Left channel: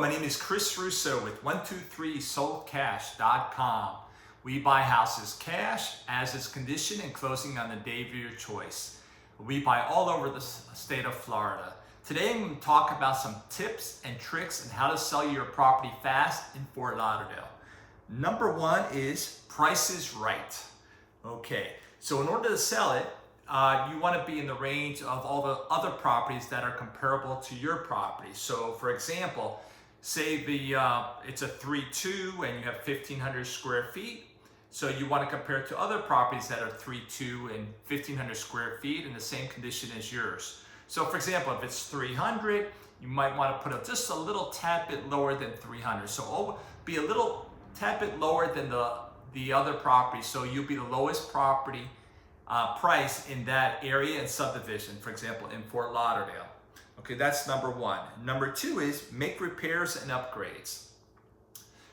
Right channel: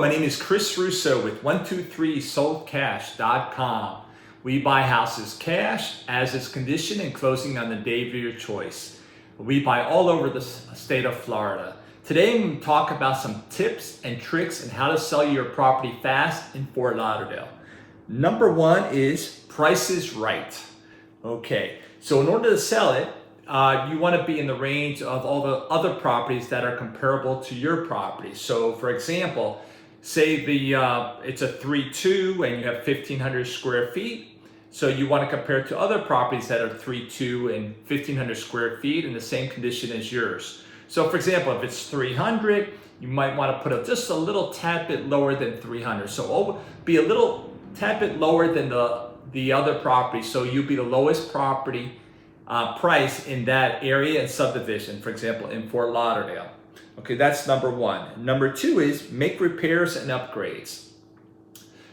my name is Chris Russo with 123soldcash.com. We buy houses cash, as is condition, and closing on the day of your choice. We buy all over the state of Florida. Today I'm going to talk about some tips and tricks on how to sell your property fast in Fort Lauderdale. Number one is price is right. Okay, so in order to sell it, you want to be in the range of all the other properties that are comparable to your property. So for example, say it's a 3-2 and you have 1,500 square feet. So you want to compare it to other properties that are 3-2 and 1,500 square feet in the same condition as yours. So for example, if it's 300, you might want to put it just a little tad bit lower than 300. So be a little tad bit lower than the other property. So you'll be the lowest property price in that area and subdivision, for example, in Fort Lauderdale. Okay, that's number one. Number two is make repairs and upgrades.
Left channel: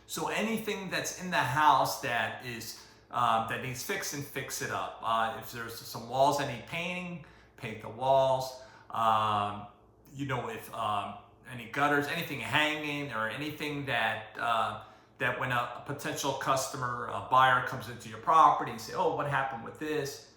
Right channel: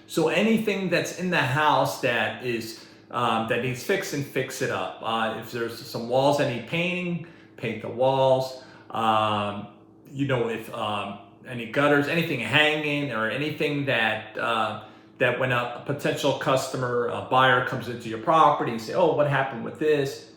So anything that's in the house that is that needs fixing, fix it up. If there's some walls that need painting, paint the walls. If any gutters, anything hanging, or anything that when a potential customer, a buyer comes into your property and say, "Oh, what happened with this?"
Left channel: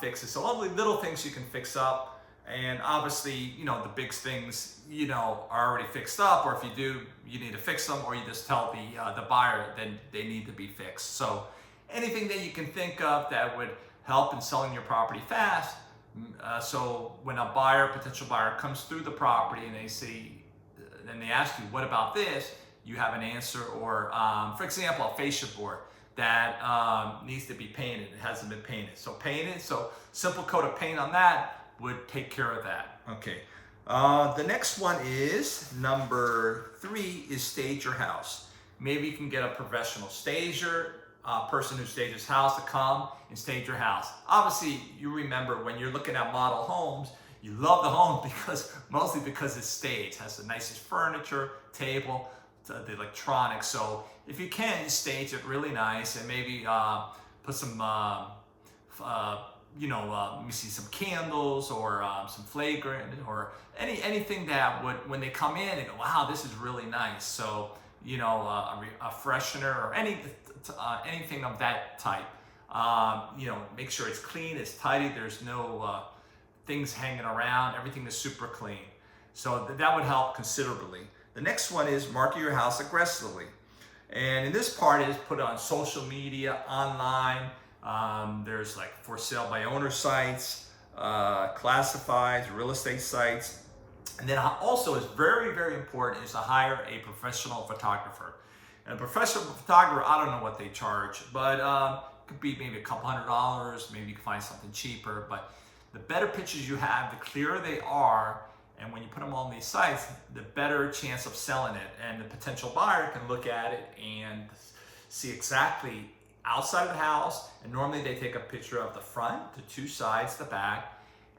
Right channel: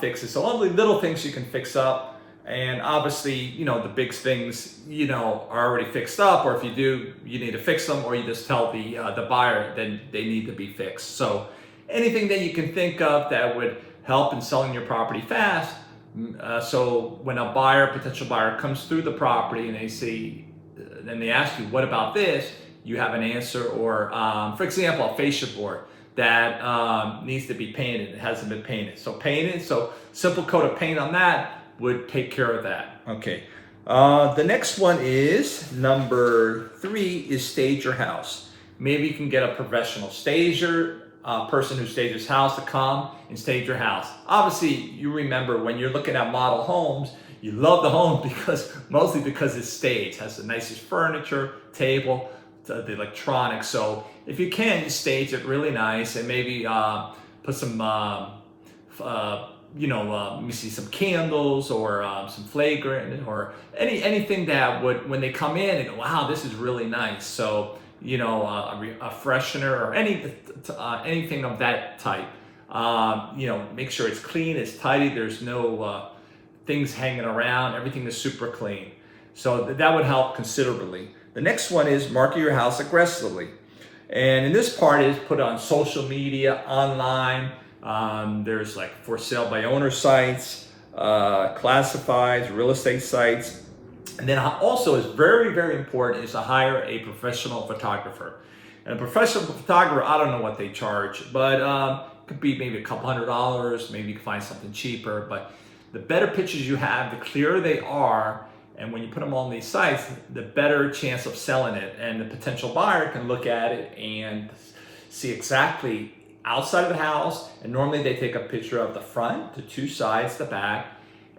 Fix it. So all the little things you can fix up, and obviously, the big things, are already fixed up, or if you do, you need to fix them, or you just tell the buyer then they need to be fixed. So anything that you can think of that would help in selling your property fast. So when a potential buyer comes through the property and then they ask you, "What about this?" You have an answer, or for example, a fascia board that needs to be painted. It hasn't been painted. So painted, so simple coat of paint on that would take care of that. Okay. The next one is number 3 is stage your house. Maybe you can get a professional stager, a person who stages house to come and stage your house. Obviously, you remember when you're looking at model homes, you love the home mostly because it's staged, has the nicest furniture, table, the electronics. So if you can, you stage it really nice and maybe put some, let me see, some candles or some flagrant or anything that would, when they come in and go, "Wow, this is really nice." So, a freshener or anything of that type. Make sure it's clean, it's tidy, there's no things hanging around, everything is super clean. So that would help considerably. The next one is market your house aggressively. And in this part is put on social media, online. There's like for sale by owner sites, classifieds, real estate sites. And then also is very, very important is to hire a professional photographer. And a professional photographer, I don't know what they charge, but it could be maybe a couple $100, maybe you can find something cheaper. But the better pictures you have, the clearer they are, and when you put them on these sites, the better chance of selling it. And the potential buyer can look at it and see exactly outside of the house. And normally they take a picture of the front, the 2 sides, the back,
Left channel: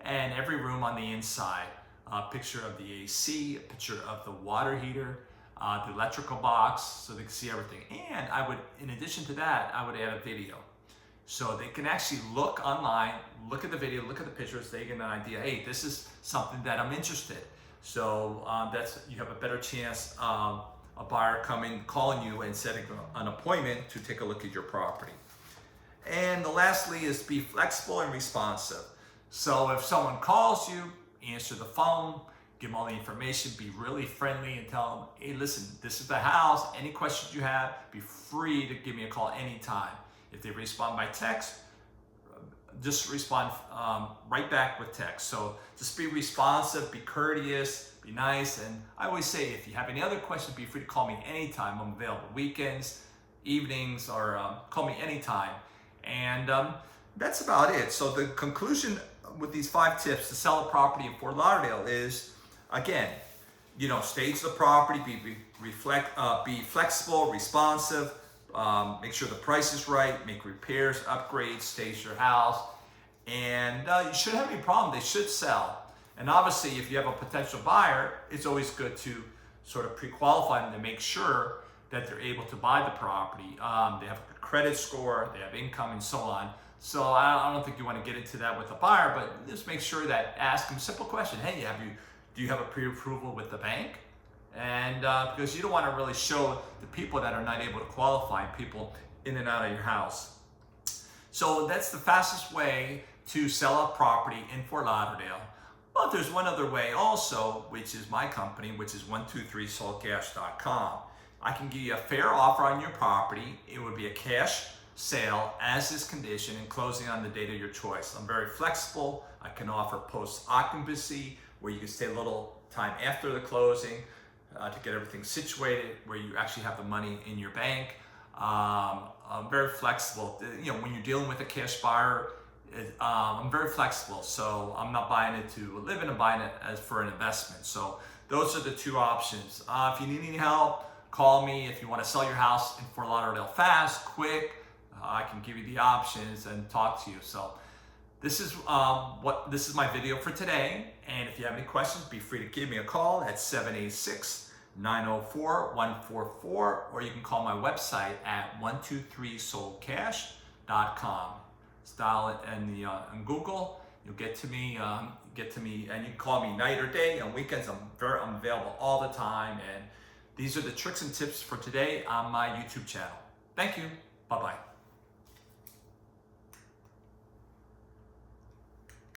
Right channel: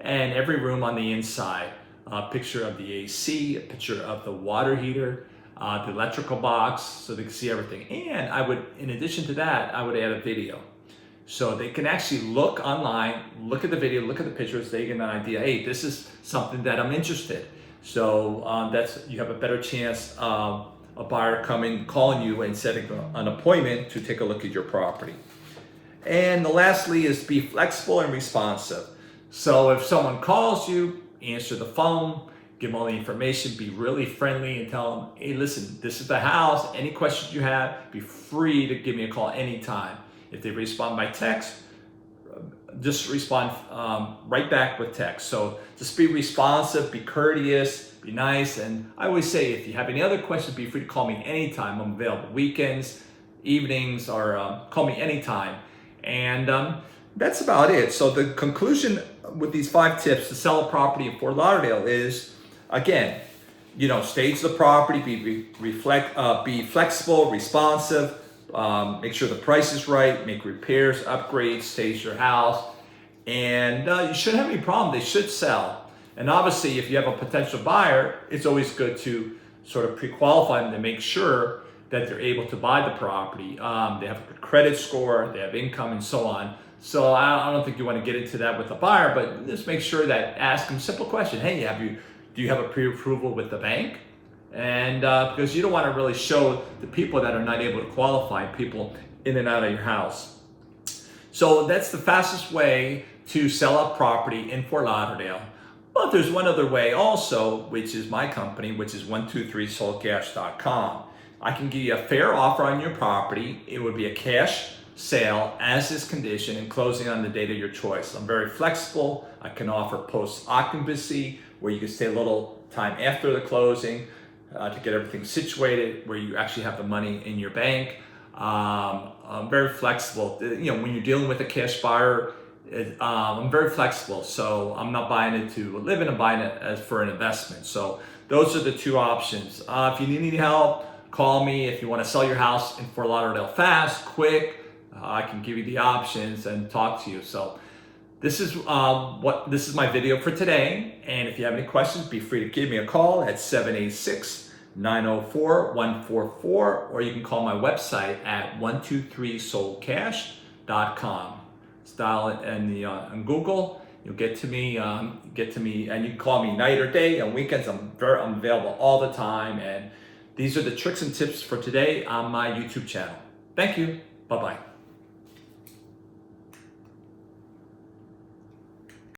and every room on the inside. A picture of the AC, a picture of the water heater, the electrical box, so they can see everything. And in addition to that, I would add a video. So they can actually look online, look at the video, look at the pictures, they get an idea, hey, this is something that I'm interested. So you have a better chance of a buyer calling you and setting an appointment to take a look at your property. And lastly is be flexible and responsive. So if someone calls you, answer the phone, give them all the information, be really friendly and tell them, "Hey, listen, this is the house. Any questions you have, be free to give me a call anytime." If they respond by text, just respond right back with text. So just be responsive, be courteous, be nice. And I always say, if you have any other questions, be free to call me anytime. I'm available weekends, evenings, or call me anytime. And that's about it. So the conclusion with these 5 tips to sell a property in Fort Lauderdale is, again, stage the property, be flexible, responsive, make sure the price is right, make repairs, upgrades, stage your house, and you shouldn't have any problem. They should sell. And obviously, if you have a potential buyer, it's always good to sort of pre-qualify them to make sure that they're able to buy the property. They have a good credit score, they have income, and so on. So I don't think you want to get into that with a buyer, but just make sure that ask them a simple question. Hey, do you have a pre-approval with the bank? And because you don't want to really show the people that are not able to qualify people in and out of your house. So that's the fastest way to sell a property in Fort Lauderdale. But there's one other way also, which is my company, which is 123soldcash.com. I can give you a fair offer on your property. It would be a cash sale as is condition and closing on the date of your choice. I'm very flexible. I can offer post-occupancy where you can stay a little time after the closing to get everything situated, where you actually have the money in your bank. I'm very flexible. You know, when you're dealing with a cash buyer, I'm very flexible. So I'm not buying it to live in, I'm buying it as for an investment. So those are the two options. If you need any help, call me. If you want to sell your house in Fort Lauderdale fast, quick, I can give you the options and talk to you. So this is my video for today. And if you have any questions, be free to give me a call at 786-904-144, or you can call my website at 123soldcash.com. Style it on Google. You'll get to me, and you can call me night or day. On weekends, I'm available all the time. And these are the tricks and tips for today on my YouTube channel. Thank you. Bye-bye.